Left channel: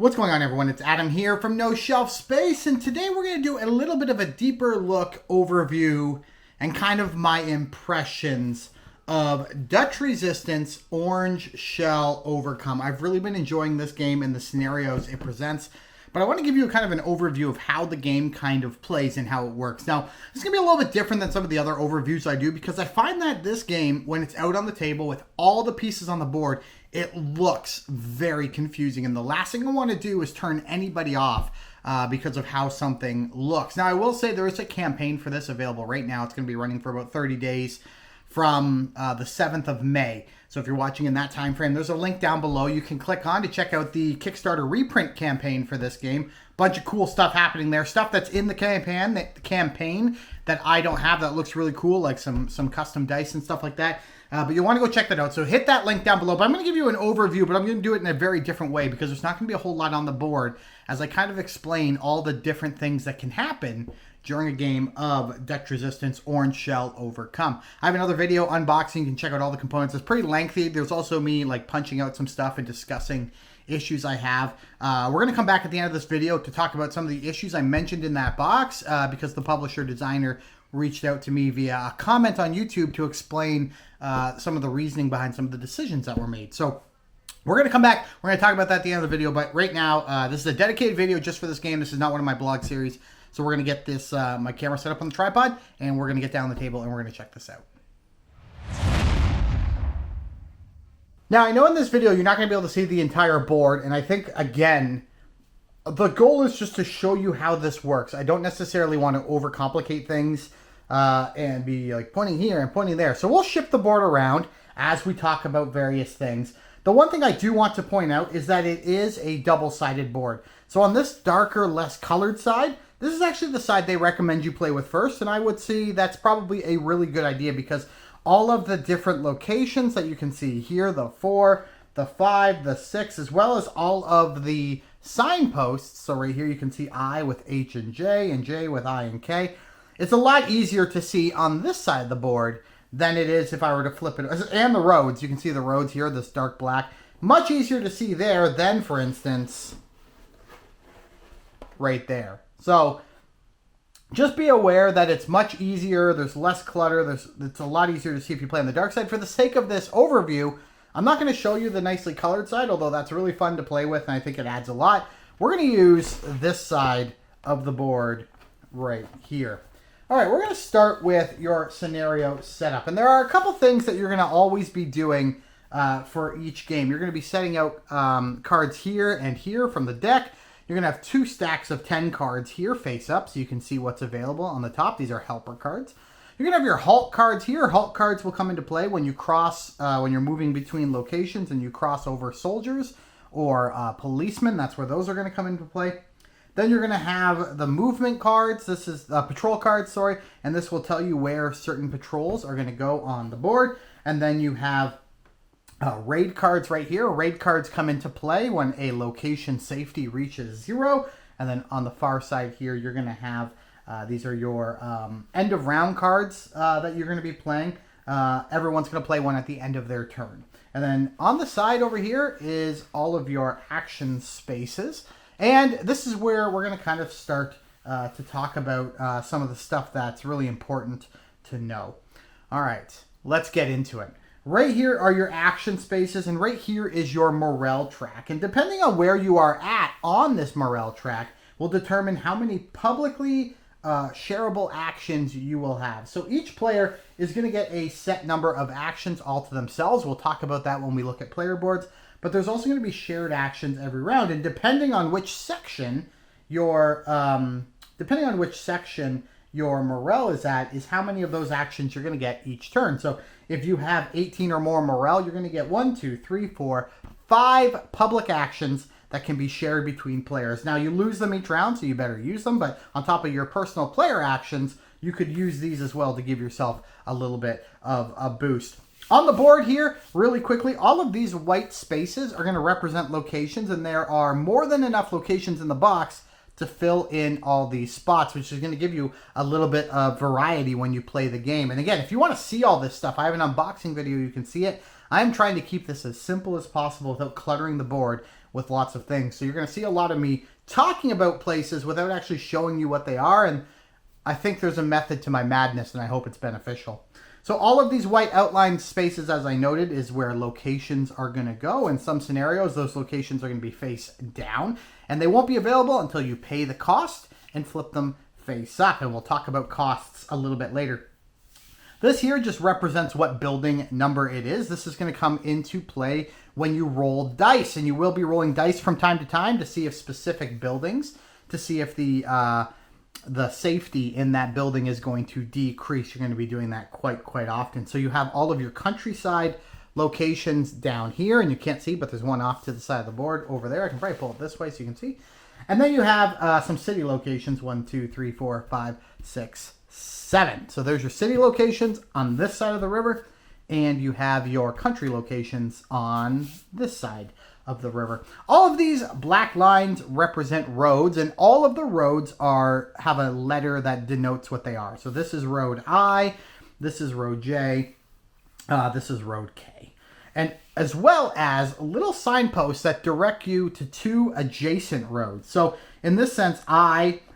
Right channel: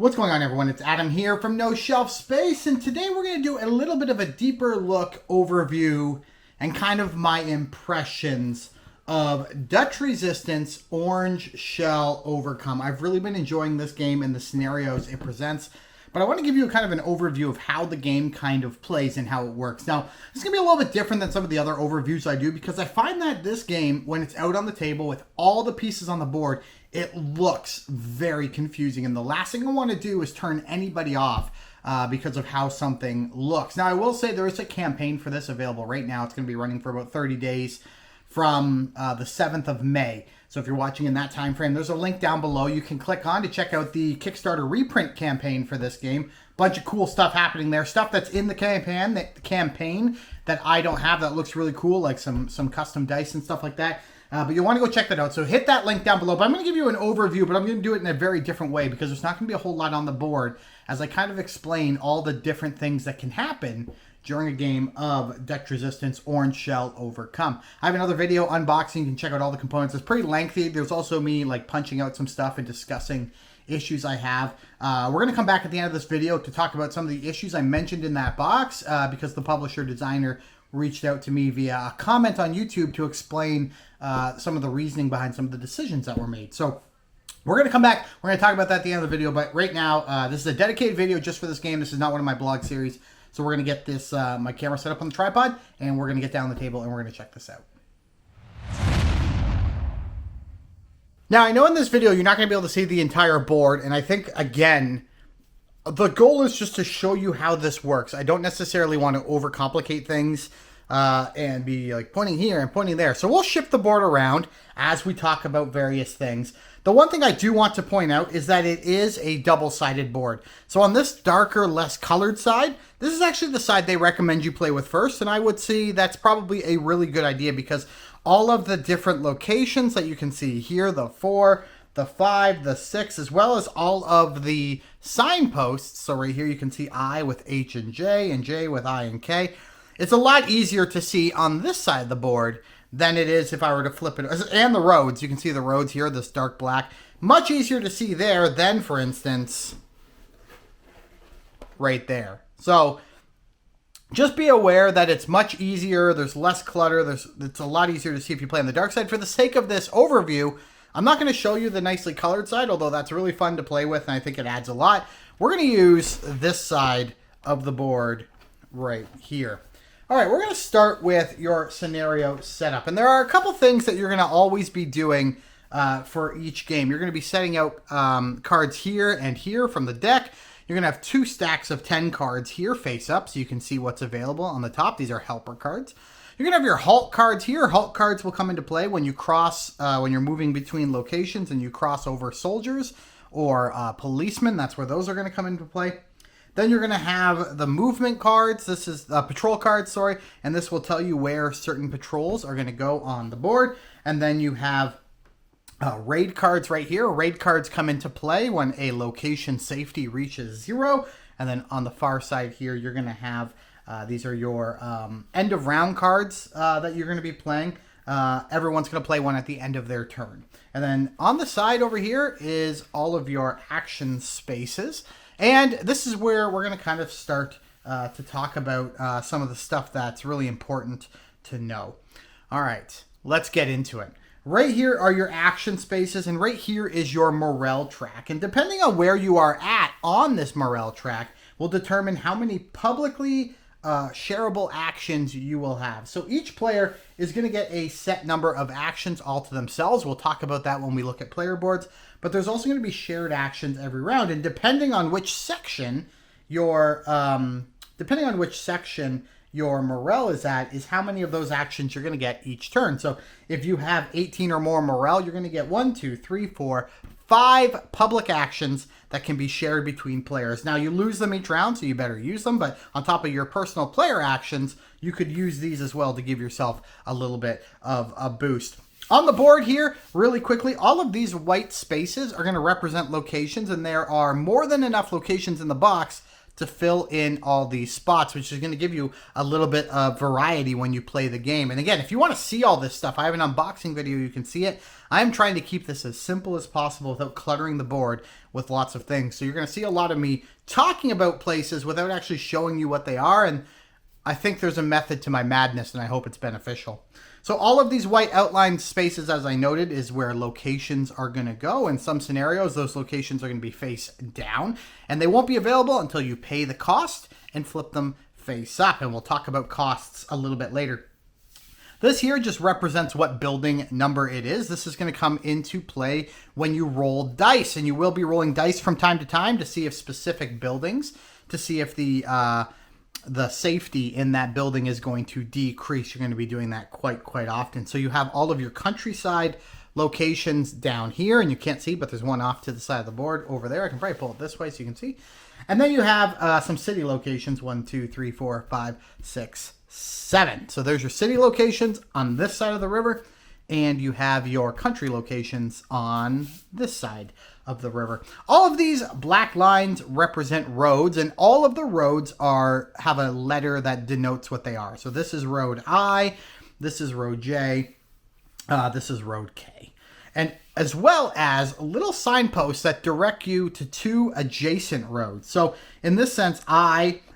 What's going on, everyone? It's Adam here from No Shelf Space, and today we're going to do a little bit of a deeper look, overview, and kind of my impressions of Dutch Resistance Orange Shell Overcome. I've really been enjoying this game and the scenarios it presents, but I want to give you kind of an overview of how the game kind of plays and how it works. Now, it's going to be a little bit different than some of the other overviews I do because I find that this game, when it's out on the table with all the pieces on the board, it looks very confusing. And the last thing I want to do is turn anybody off because of how something looks. Now, I will say there is a campaign for this available right now. It's going to be running for about 30 days from the 7th of May. So if you're watching in that time frame, there's a link down below you can click on to check out the Kickstarter reprint campaign for this game. Bunch of cool stuff happening there. Stuff that's in the campaign that I don't have that looks really cool, like some custom dice and stuff like that. But you'll want to go check that out. So hit that link down below. But I'm going to give you an overview, but I'm going to do it in a very different way because there's not going to be a whole lot on the board as I kind of explain all the different things that can happen during a game of Dutch Resistance Orange Shell Overcome. I have another video unboxing. You can check out all the components. It's pretty lengthy. There's also me like punching out some stuff and discussing issues I have. We're going to come back at the end of this video to talk about some of the issues I mentioned in that box because the publisher designer reached out to me via a comment on YouTube to explain some of the reasoning behind some of the decisions that were made. So we're going to come back. We're going to talk about that at the end of the video. But right now, this is a dedicated video just for this game. This is not one of my blog series. So we're going to get this my camera set up on the tripod, and we're going to get down the table, and we're going to check this out. Now, I know in this video you're not going to be able to see the entire board, and I think, again, the goal is just to show you how this works. I don't necessarily want to overcomplicate things and be like pointing here and pointing there. So we'll shift the board around as we talk about various things. The one thing I do want to point out is that it is a double-sided board. So on this darker, less colored side, this is actually the side they recommend you play with first, and I would say that's probably a really good idea because all of the different locations that you can see here, the 4, the 5, the 6, as well as all of the signposts. So right here you can see I with H and J with I and K. It's a lot easier to see on this side of the board than it is if I were to flip it. And the roads, you can see the roads here, this dark black. Much easier to see there than, for instance, right there. So just be aware that it's much easier. There's less clutter. It's a lot easier to see if you play on the dark side. For the sake of this overview, I'm not going to show you the nicely colored side, although that's really fun to play with, and I think it adds a lot. We're going to use this side of the board right here. All right, we're going to start with your scenario setup. And there are a couple things that you're going to always be doing for each game. You're going to be setting out cards here and here from the deck. You're going to have 2 stacks of 10 cards here face up so you can see what's available on the top. These are helper cards. You're going to have your halt cards here. Halt cards will come into play when you cross, when you're moving between locations and you cross over soldiers or policemen. That's where those are going to come into play. Then you're going to have the movement cards. This is patrol cards, sorry. And this will tell you where certain patrols are going to go on the board. And then you have raid cards right here. Raid cards come into play when a location safety reaches 0. And then on the far side here, you're going to have, these are your end of round cards that you're going to be playing. Everyone's going to play one at the end of their turn. And then on the side over here is all of your action spaces. And this is where we're going to kind of start to talk about some of the stuff that's really important to know. All right, let's get into it. Right here are your action spaces, and right here is your morale track. And depending on where you are at on this morale track will determine how many publicly shareable actions you will have. So each player is going to get a set number of actions all to themselves. We'll talk about that when we look at player boards. But there's also going to be shared actions every round, and depending on which section your morale is at, is how many of those actions you're going to get each turn. So if you have 18 or more morale, you're going to get 1, 2, 3, 4, 5 public actions that can be shared between players. Now you lose them each round, so you better use them. But on top of your personal player actions, you could use these as well to give yourself a little bit of a boost. On the board here, really quickly, all of these white spaces are going to represent locations, and there are more than enough locations in the box to fill in all these spots, which is going to give you a little bit of variety when you play the game. And again, if you want to see all this stuff, I have an unboxing video, you can see it. I'm trying to keep this as simple as possible without cluttering the board with lots of things. So you're going to see a lot of me talking about places without actually showing you what they are. And I think there's a method to my madness, and I hope it's beneficial. So all of these white outlined spaces, as I noted, is where locations are going to go. In some scenarios, those locations are going to be face down, and they won't be available until you pay the cost and flip them face up. And we'll talk about costs a little bit later. This here just represents what building number it is. This is going to come into play when you roll dice, and you will be rolling dice from time to time to see if specific buildings, to see if the safety in that building is going to decrease. You're going to be doing that quite often. So you have all of your countryside locations down here, and you can't see, but there's one off to the side of the board over there. I can probably pull it this way so you can see. And then you have some city locations, 1, 2, 3, 4, 5, 6, 7. So there's your city locations on this side of the river, and you have your country locations on this side of the river. All of these black lines represent roads, and all of the roads have a letter that denotes what they are. So this is road I, this is road J, this is road K. And as well as little signposts that direct you to 2 adjacent roads. So in this sense,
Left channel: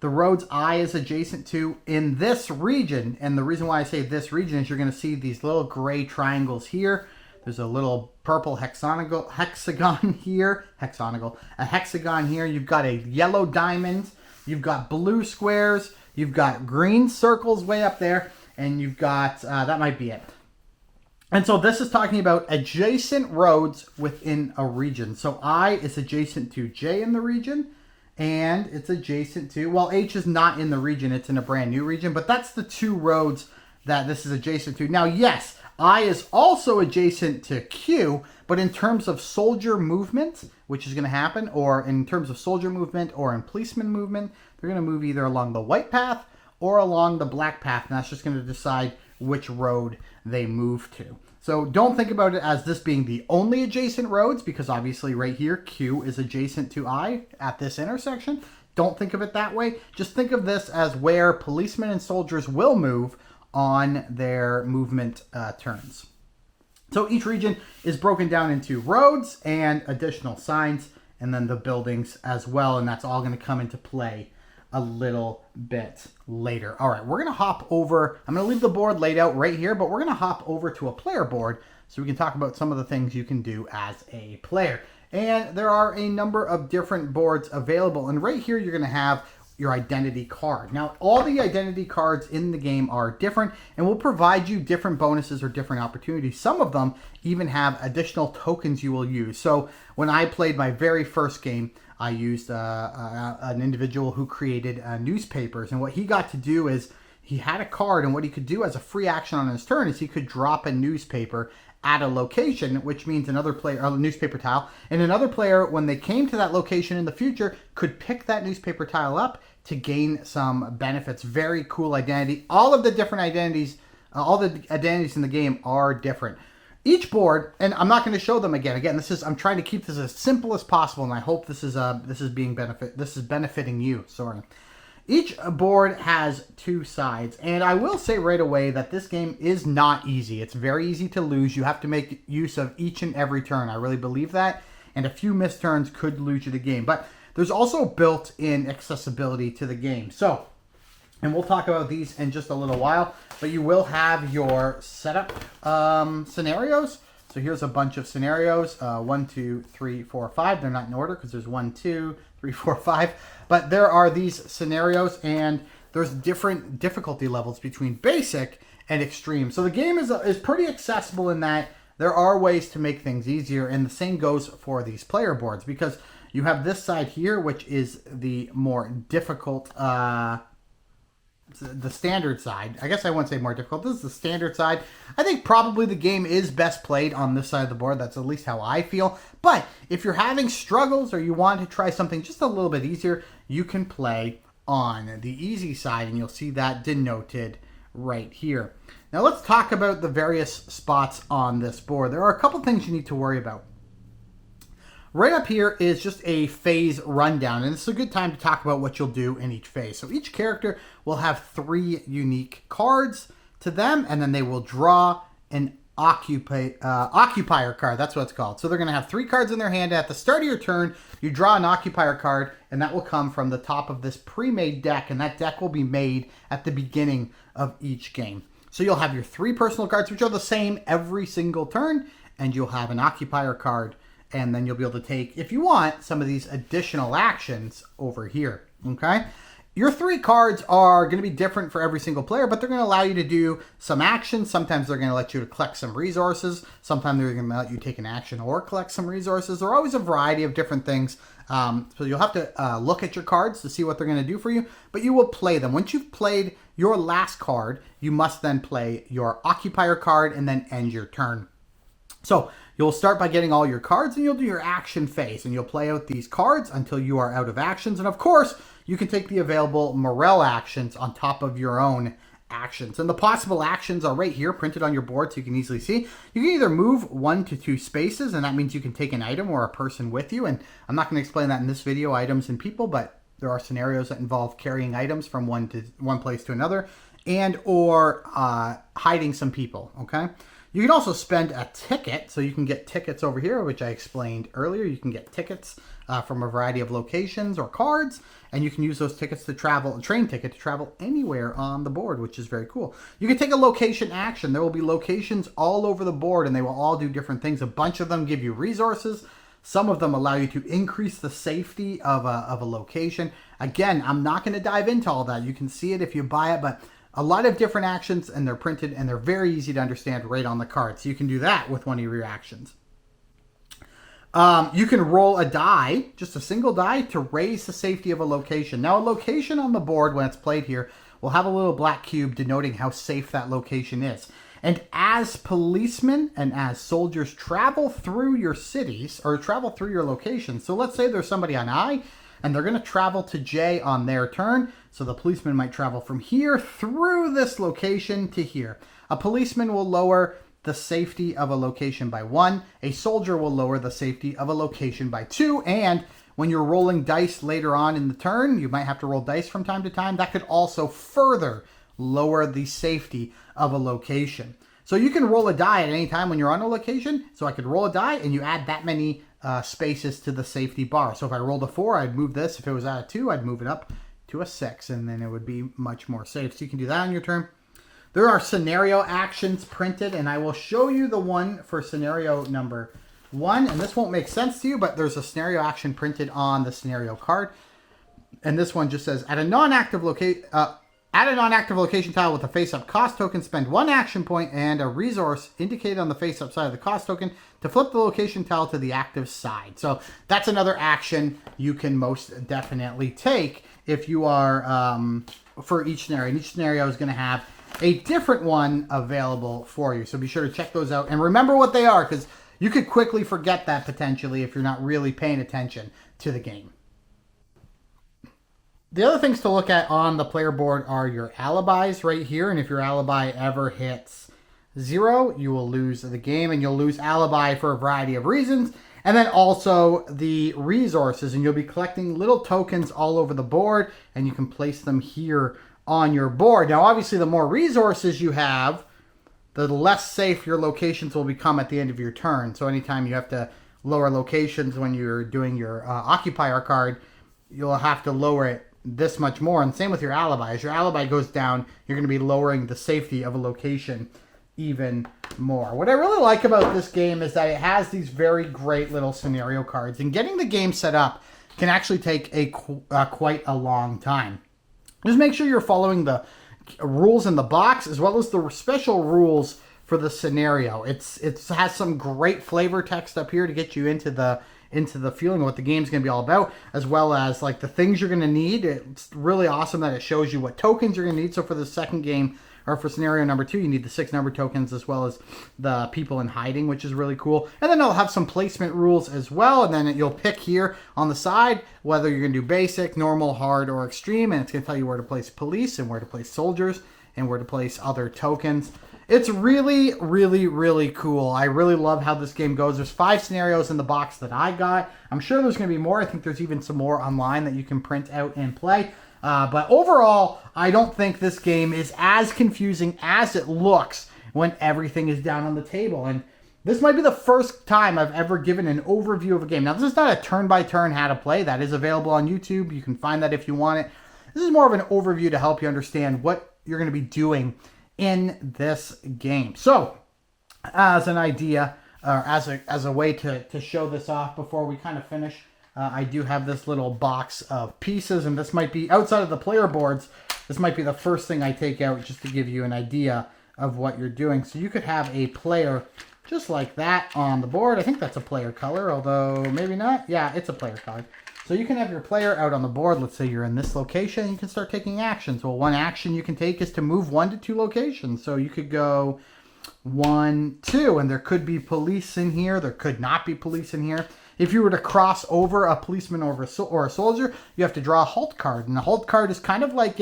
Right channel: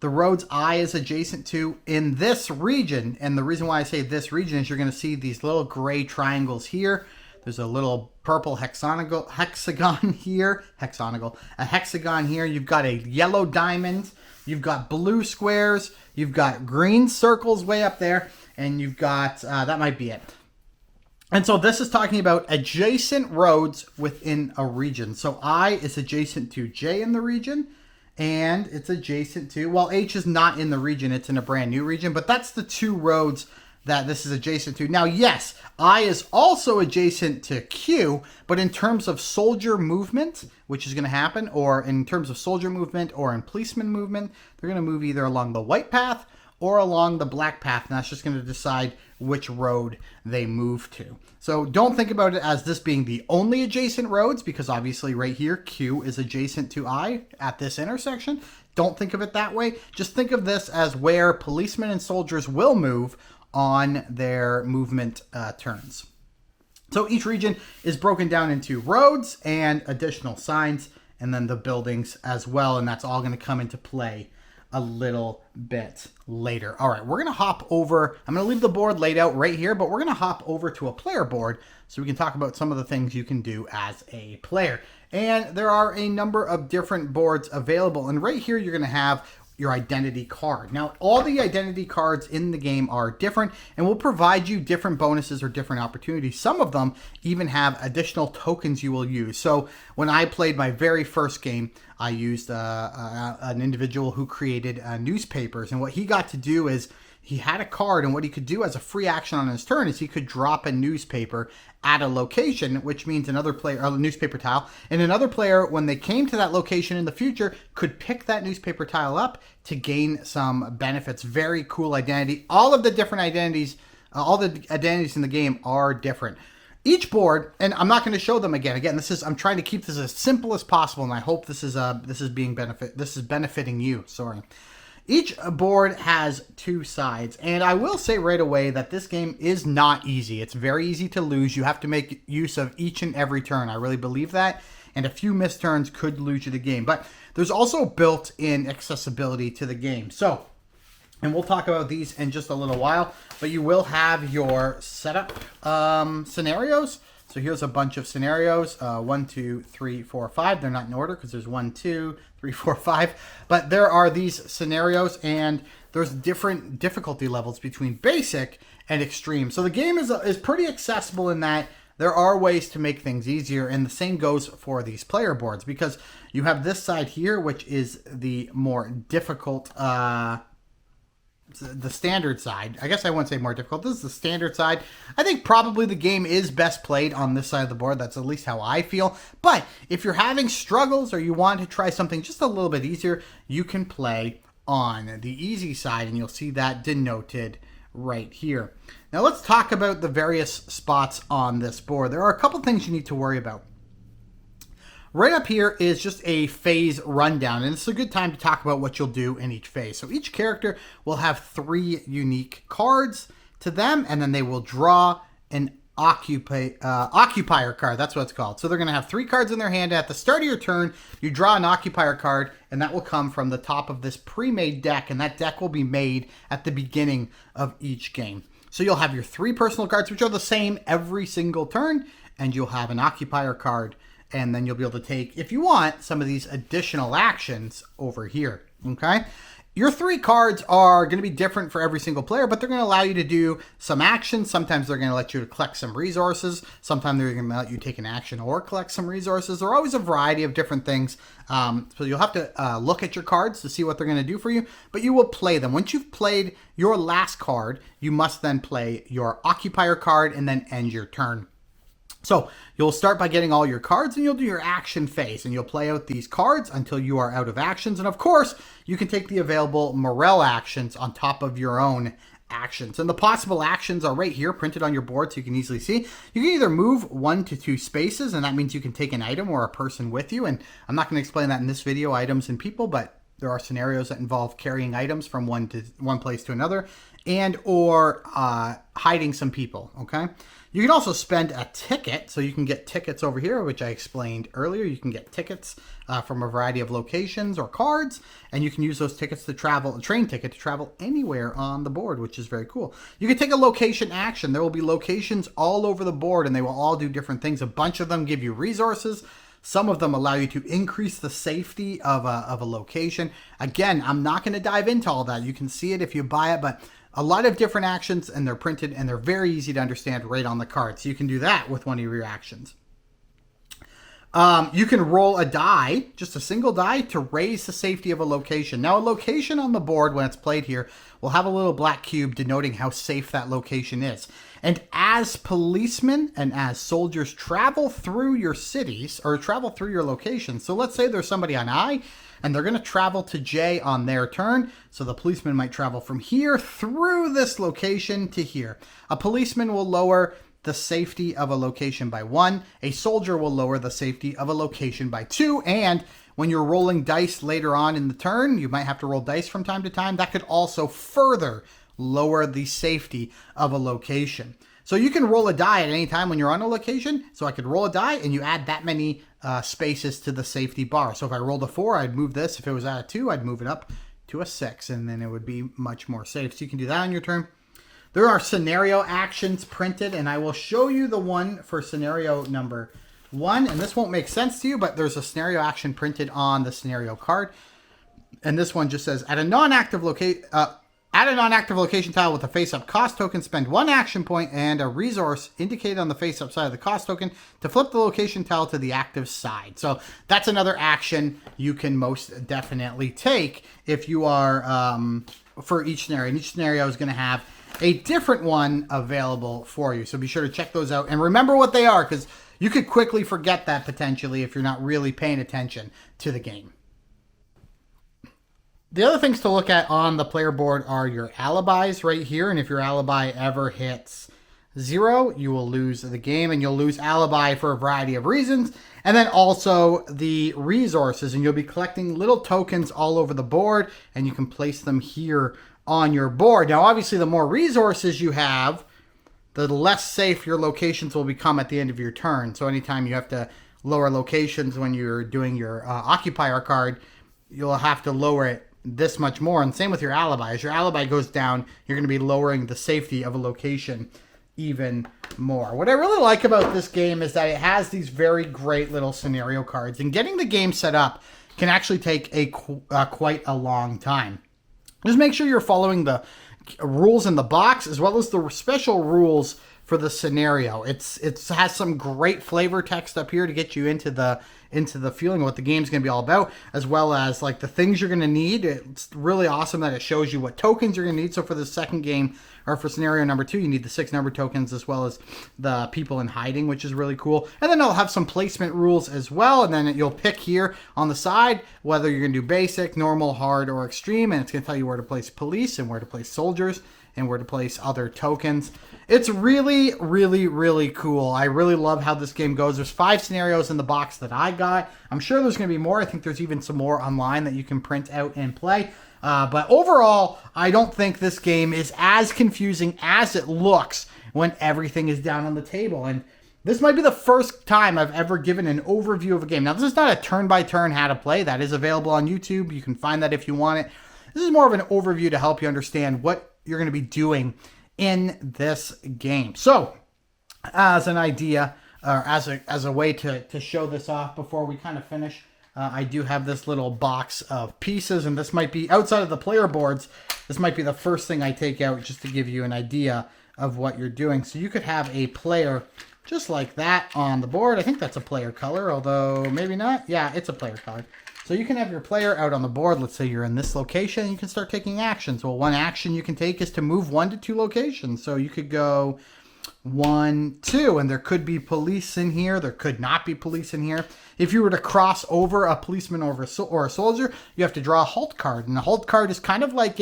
the roads I is adjacent to in this region. And the reason why I say this region is you're going to see these little gray triangles here. There's a little purple hexagon here. A hexagon here. You've got a yellow diamond. You've got blue squares. You've got green circles way up there. And you've got, that might be it. And so this is talking about adjacent roads within a region. So I is adjacent to J in the region. And it's adjacent to, well, H is not in the region. It's in a brand new region. But that's the 2 roads that this is adjacent to. Now, yes, I is also adjacent to Q, but in terms of soldier movement, which is going to happen, or in terms of soldier movement or in policeman movement, they're going to move either along the white path or along the black path, and that's just going to decide which road they move to. So don't think about it as this being the only adjacent roads, because obviously right here, Q is adjacent to I at this intersection. Don't think of it that way. Just think of this as where policemen and soldiers will move on their movement turns. So each region is broken down into roads and additional signs, and then the buildings as well, and that's all going to come into play a little bit later. All right, we're going to hop over. I'm going to leave the board laid out right here, but we're going to hop over to a player board so we can talk about some of the things you can do as a player. And there are a number of different boards available, and right here you're going to have your identity card. Now, all the identity cards in the game are different and will provide you different bonuses or different opportunities. Some of them even have additional tokens you will use. So when I played my very first game, I used an individual who created newspapers, and what he got to do is he had a card, and what he could do as a free action on his turn is he could drop a newspaper at a location, which means another player, a newspaper tile, and another player, when they came to that location in the future, could pick that newspaper tile up to gain some benefits. Very cool identity. All of the different identities, all the identities in the game are different. Each board, and I'm not going to show them again. Again, I'm trying to keep this as simple as possible, and I hope this is benefiting you. Sorry. Each board has 2 sides, and I will say right away that this game is not easy. It's very easy to lose. You have to make use of each and every turn. I really believe that, and a few missed turns could lose you the game. But there's also built-in accessibility to the game. So, and we'll talk about these in just a little while, but you will have your setup scenarios. So here's a bunch of scenarios, 1, 2, 3, 4, 5. They're not in order because there's 1, 2, 3, 4, 5. But there are these scenarios, and there's different difficulty levels between basic and extreme. So the game is pretty accessible in that there are ways to make things easier, and the same goes for these player boards, because you have this side here, which is the more difficult, the standard side. I guess I wouldn't say more difficult. This is the standard side. I think probably the game is best played on this side of the board. That's at least how I feel. But if you're having struggles or you want to try something just a little bit easier, you can play on the easy side, and you'll see that denoted right here. Now let's talk about the various spots on this board. There are a couple things you need to worry about. Right up here is just a phase rundown, and it's a good time to talk about what you'll do in each phase. So each character will have 3 unique cards to them, and then they will draw an occupier card. That's what it's called. So they're going to have 3 cards in their hand. At the start of your turn, you draw an occupier card, and that will come from the top of this pre-made deck, and that deck will be made at the beginning of each game. So you'll have your 3 personal cards, which are the same every single turn, and you'll have an occupier card, and then you'll be able to take, if you want, some of these additional actions over here, okay? Your 3 cards are going to be different for every single player, but they're going to allow you to do some actions. Sometimes they're going to let you collect some resources. Sometimes they're going to let you take an action or collect some resources. There are always a variety of different things. So you'll have to look at your cards to see what they're going to do for you, but you will play them. Once you've played your last card, you must then play your occupier card and then end your turn. So you'll start by getting all your cards, and you'll do your action phase, and you'll play out these cards until you are out of actions. And of course, you can take the available Morel actions on top of your own actions. And the possible actions are right here, printed on your board so you can easily see. You can either move 1 to 2 spaces, and that means you can take an item or a person with you. And I'm not going to explain that in this video, items and people, but there are scenarios that involve carrying items from one place to another, and or hiding some people, okay? You can also spend a ticket, so you can get tickets over here, which I explained earlier. You can get tickets from a variety of locations or cards, and you can use those tickets to travel, a train ticket to travel anywhere on the board, which is very cool. You can take a location action. There will be locations all over the board, and they will all do different things. A bunch of them give you resources. Some of them allow you to increase the safety of a location. Again, I'm not going to dive into all that. You can see it if you buy it, but a lot of different actions, and they're printed, and they're very easy to understand right on the card. So you can do that with one of your actions. You can roll a die, just a single die, to raise the safety of a location. Now, a location on the board, when it's played here, will have a little black cube denoting how safe that location is. And as policemen and as soldiers travel through your cities, or travel through your locations, so let's say there's somebody on I, and they're going to travel to J on their turn. So the policeman might travel from here through this location to here. A policeman will lower the safety of a location by 1. A soldier will lower the safety of a location by 2. And when you're rolling dice later on in the turn, you might have to roll dice from time to time. That could also further lower the safety of a location. So you can roll a die at any time when you're on a location. So I could roll a die, and you add that many spaces to the safety bar. So if I rolled a 4, I'd move this. If it was at a 2, I'd move it up to a 6, and then it would be much more safe. So you can do that on your turn. There are scenario actions printed, and I will show you the one for scenario number 1. And this won't make sense to you, but there's a scenario action printed on the scenario card. And this one just says, at a non-active location tile with a face-up cost token, spend 1 action point and a resource indicated on the face-up side of the cost token to flip the location tile to the active side. So that's another action you can most definitely take if you are for each scenario. And each scenario is going to have a different one available for you. So be sure to check those out and remember what they are, because you could quickly forget that potentially if you're not really paying attention to the game. The other things to look at on the player board are your alibis right here. And if your alibi ever hits 0, you will lose the game, and you'll lose alibi for a variety of reasons. And then also the resources, and you'll be collecting little tokens all over the board, and you can place them here on your board. Now, obviously, the more resources you have, the less safe your locations will become at the end of your turn. So anytime you have to lower locations when you're doing your occupier card, you'll have to lower it this much more. And same with your alibi. As your alibi goes down, you're going to be lowering the safety of a location even more. What I really like about this game is that it has these very great little scenario cards, and getting the game set up can actually take quite a long time. Just make sure you're following the rules in the box as well as the special rules for the scenario. It has some great flavor text up here to get you into the feeling of what the game's going to be all about, as well as like the things you're going to need. It's really awesome that it shows you what tokens you're going to need. So for the second game, or for scenario number 2, you need the 6 number tokens as well as the people in hiding, which is really cool. And then it'll have some placement rules as well. And then you'll pick here on the side whether you're going to do basic, normal, hard, or extreme. And it's going to tell you where to place police and where to place soldiers and where to place other tokens. It's really, really, really cool. I really love how this game goes. There's 5 scenarios in the box that I got. I'm sure there's going to be more. I think there's even some more online that you can print out and play. But overall, I don't think this game is as confusing as it looks when everything is down on the table. And this might be the first time I've ever given an overview of a game. Now, this is not a turn-by-turn how to play. That is available on YouTube. You can find that if you want it. This is more of an overview to help you understand what you're going to be doing in this game. So, as an idea, or as a way to show this off before we kind of finish, I do have this little box of pieces, and this might be, outside of the player boards, this might be the first thing I take out just to give you an idea of what you're doing. So you could have a player just like that on the board. I think that's a player color, although maybe not. Yeah, it's a player color. So you can have your player out on the board. Let's say you're in this location. You can start taking actions. Well, one action you can take is to move 1 to 2 locations. So you could go 1, 2, and there could be police in here. There could not be police in here. If you were to cross over a policeman or a soldier, you have to draw a halt card. And the halt card is kind of like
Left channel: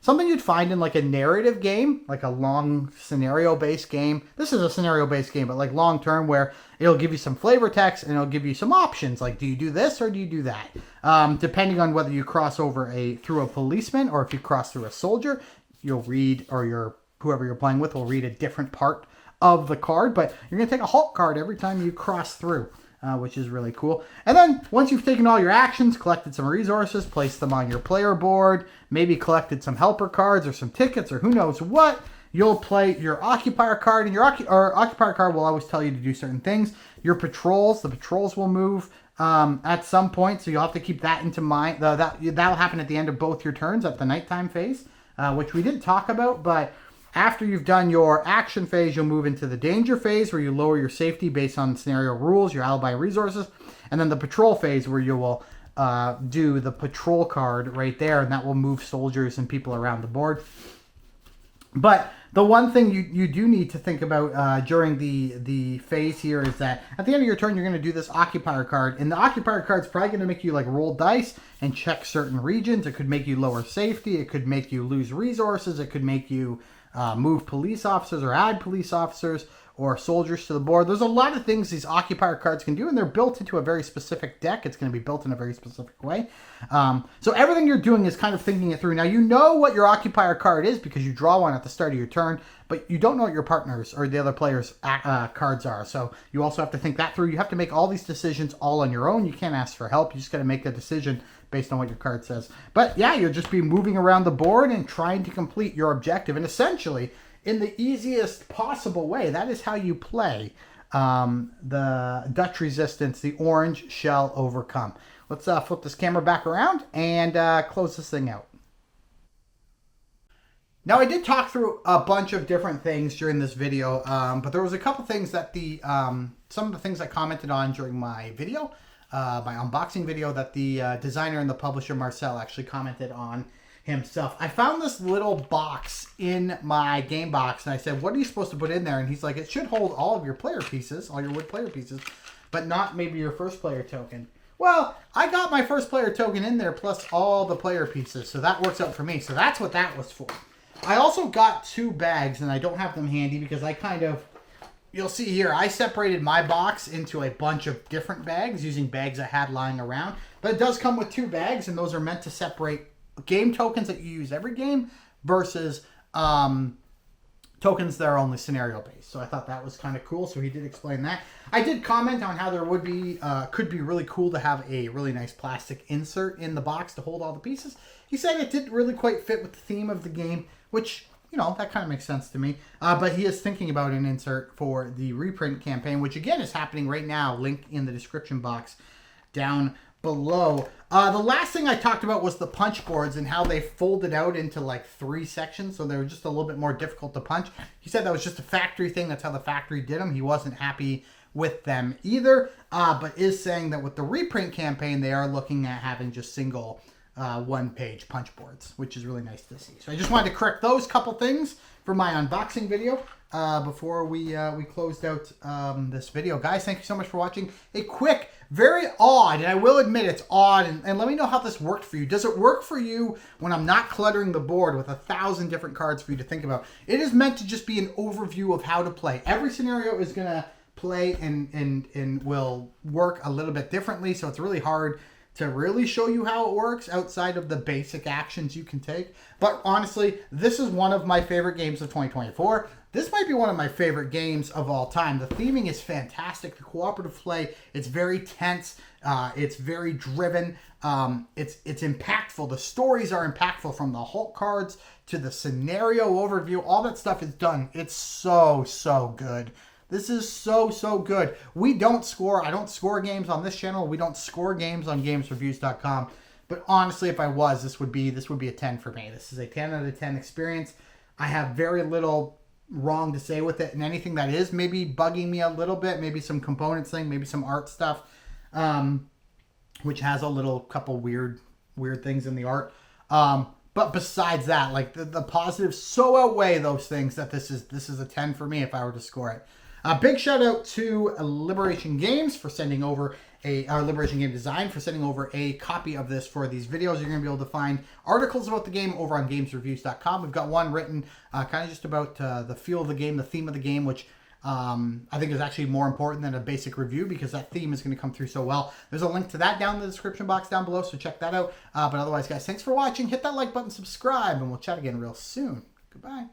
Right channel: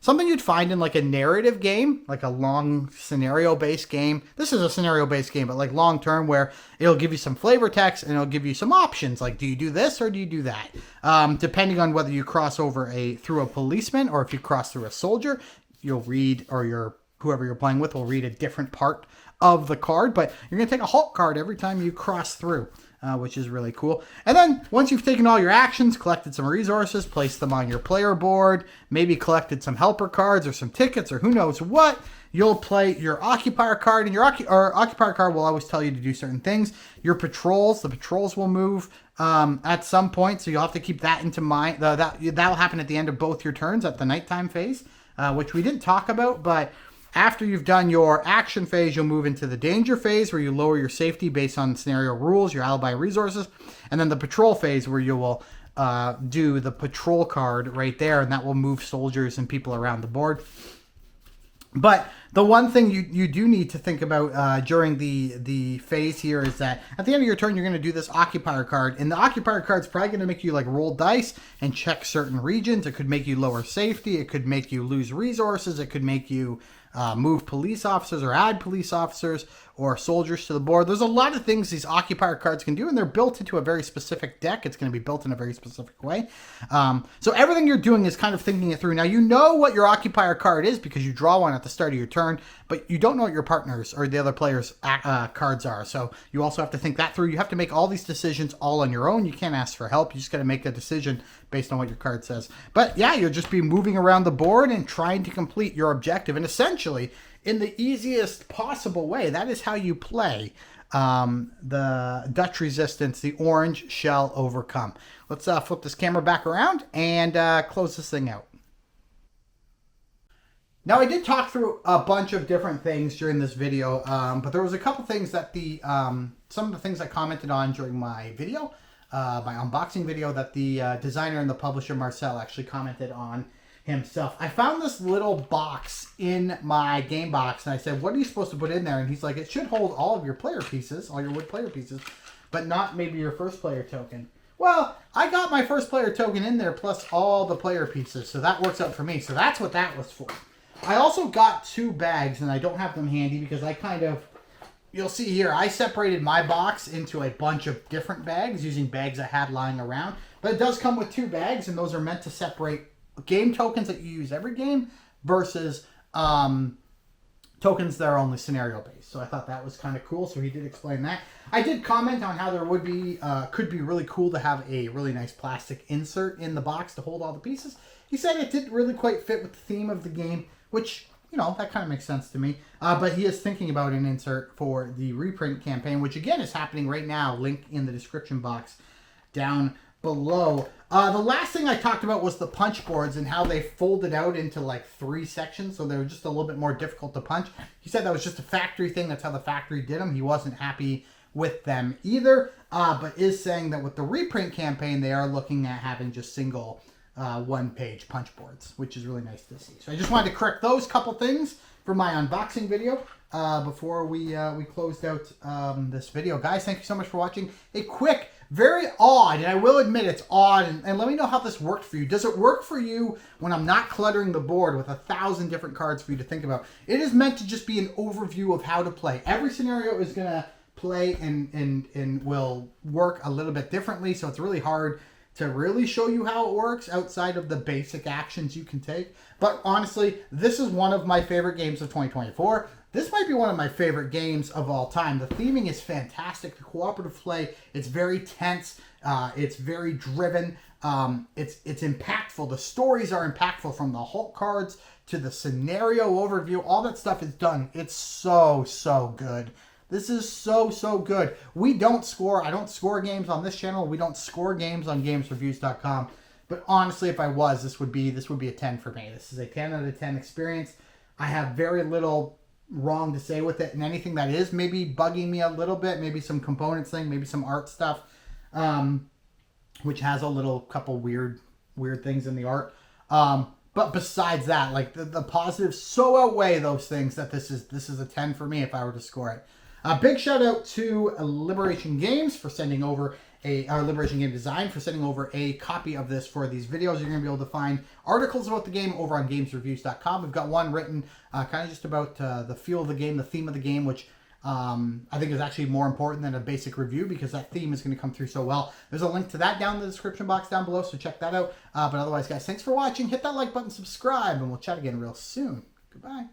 something you'd find in like a narrative game, like a long scenario-based game. This is a scenario-based game, but like long-term, where it'll give you some flavor text and it'll give you some options, like do you do this or do you do that? Depending on whether you cross over through a policeman or if you cross through a soldier, you'll read, or whoever you're playing with will read a different part of the card, but you're going to take a halt card every time you cross through. Which is really cool. And then once you've taken all your actions, collected some resources, placed them on your player board, maybe collected some helper cards or some tickets or who knows what, you'll play your occupier card, and your occupier card will always tell you to do certain things. Your patrols, the patrols will move at some point, so you'll have to keep that into mind. That'll happen at the end of both your turns at the nighttime phase, which we didn't talk about, but after you've done your action phase, you'll move into the danger phase, where you lower your safety based on scenario rules, your alibi resources, and then the patrol phase, where you will do the patrol card right there, and that will move soldiers and people around the board. But the one thing you do need to think about during the phase here is that at the end of your turn, you're going to do this occupier card, and the occupier card is probably going to make you like roll dice and check certain regions. It could make you lower safety. It could make you lose resources. It could make you move police officers or add police officers or soldiers to the board. There's a lot of things these occupier cards can do, and they're built into a very specific deck. It's going to be built in a very specific way. So everything you're doing is kind of thinking it through. Now, you know what your occupier card is because you draw one at the start of your turn, but you don't know what your partner's or the other player's cards are. So you also have to think that through. You have to make all these decisions all on your own. You can't ask for help. You just got to make a decision based on what your card says. But yeah, you'll just be moving around the board and trying to complete your objective. And essentially, in the easiest possible way, that is how you play the Dutch Resistance, the Orange Shell Overcome. Let's flip this camera back around and close this thing out. Now, I did talk through a bunch of different things during this video, but there was a couple things that some of the things I commented on during my video, my unboxing video, that the designer and the publisher Marcel actually commented on himself. I found this little box in my game box, and I said, what are you supposed to put in there? And he's like, it should hold all of your player pieces, all your wood player pieces, but not maybe your first player token. Well, I got my first player token in there plus all the player pieces, so that works out for me. So that's what that was for. I also got 2 bags, and I don't have them handy because I you'll see here, I separated my box into a bunch of different bags using bags I had lying around. But it does come with 2 bags, and those are meant to separate game tokens that you use every game versus tokens that are only scenario based. So I thought that was kind of cool. So he did explain that. I did comment on how there would be could be really cool to have a really nice plastic insert in the box to hold all the pieces. He said it didn't really quite fit with the theme of the game, which, you know, that kind of makes sense to me. But he is thinking about an insert for the reprint campaign, which again is happening right now. Link in the description box down below. The last thing I talked about was the punch boards and how they folded out into like 3 sections, so they were just a little bit more difficult to punch. He said that was just a factory thing. That's how the factory did them. He wasn't happy with them either, but is saying that with the reprint campaign, they are looking at having just single 1-page punch boards, which is really nice to see. So I just wanted to correct those couple things for my unboxing video before we closed out this video. Guys, thank you so much for watching. A quick, very odd, and I will admit it's odd, and let me know how this worked for you. Does it work for you when I'm not cluttering the board with 1,000 different cards for you to think about? It is meant to just be an overview of how to play. Every scenario is going to play and will work a little bit differently, so it's really hard to really show you how it works outside of the basic actions you can take. But honestly, this is one of my favorite games of 2024. This might be one of my favorite games of all time. The theming is fantastic. The cooperative play, it's very tense. It's very driven. It's impactful. The stories are impactful, from the Hulk cards to the scenario overview. All that stuff is done. It's so good. This is so good. We don't score. I don't score games on this channel. We don't score games on GamesReviews.com. But honestly, if I was, this would be a 10 for me. This is a 10 out of 10 experience. I have very little wrong to say with it, and anything that is maybe bugging me a little bit, maybe some components thing, maybe some art stuff, which has a little couple weird things in the art. But besides that, like the positives so outweigh those things that this is a 10 for me if I were to score it. A big shout out to Liberation Games for sending over Liberation Game Design for sending over a copy of this for these videos. You're going to be able to find articles about the game over on GamesReviews.com. We've got one written kind of just about the feel of the game, the theme of the game, which I think is actually more important than a basic review because that theme is going to come through so well. There's a link to that down in the description box down below, so check that out. But otherwise, guys, thanks for watching. Hit that like button, subscribe, and we'll chat again real soon. Goodbye.